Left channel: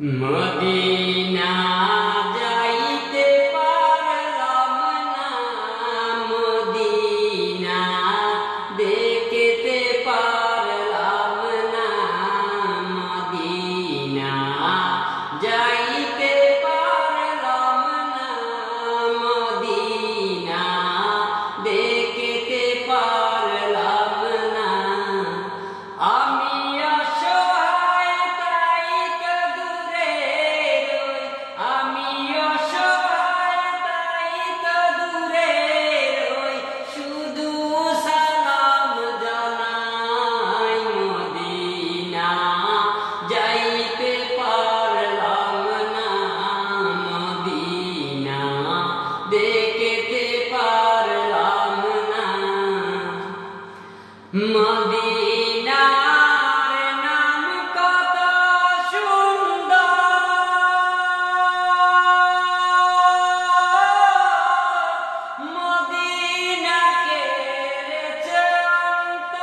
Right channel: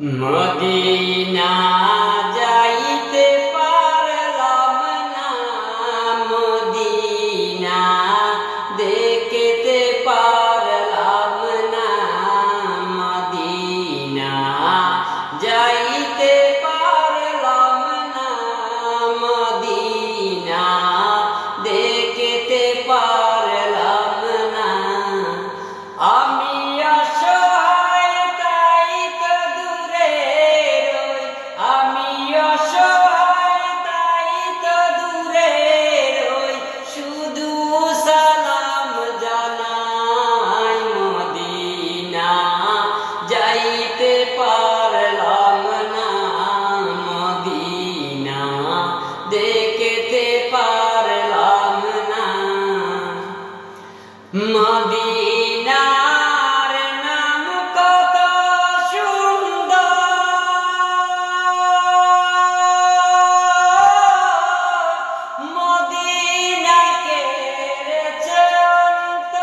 Medina যাইতে পারলাম না, মদিনা দেখতে পারলাম না, মদিনা যাইতে পারলাম না, মদিনা দেখতে পারলাম না। আমি অসহায় তাই তো দূরে রই, আমি অসহায় তাই তো দূরে রই, শুধু সালাম জানাই। মদিনা যাইতে পারলাম না, মদিনা দেখতে পারলাম না। মদিনার নাম কত সুন্দর, মদিনাকে রেচন্ত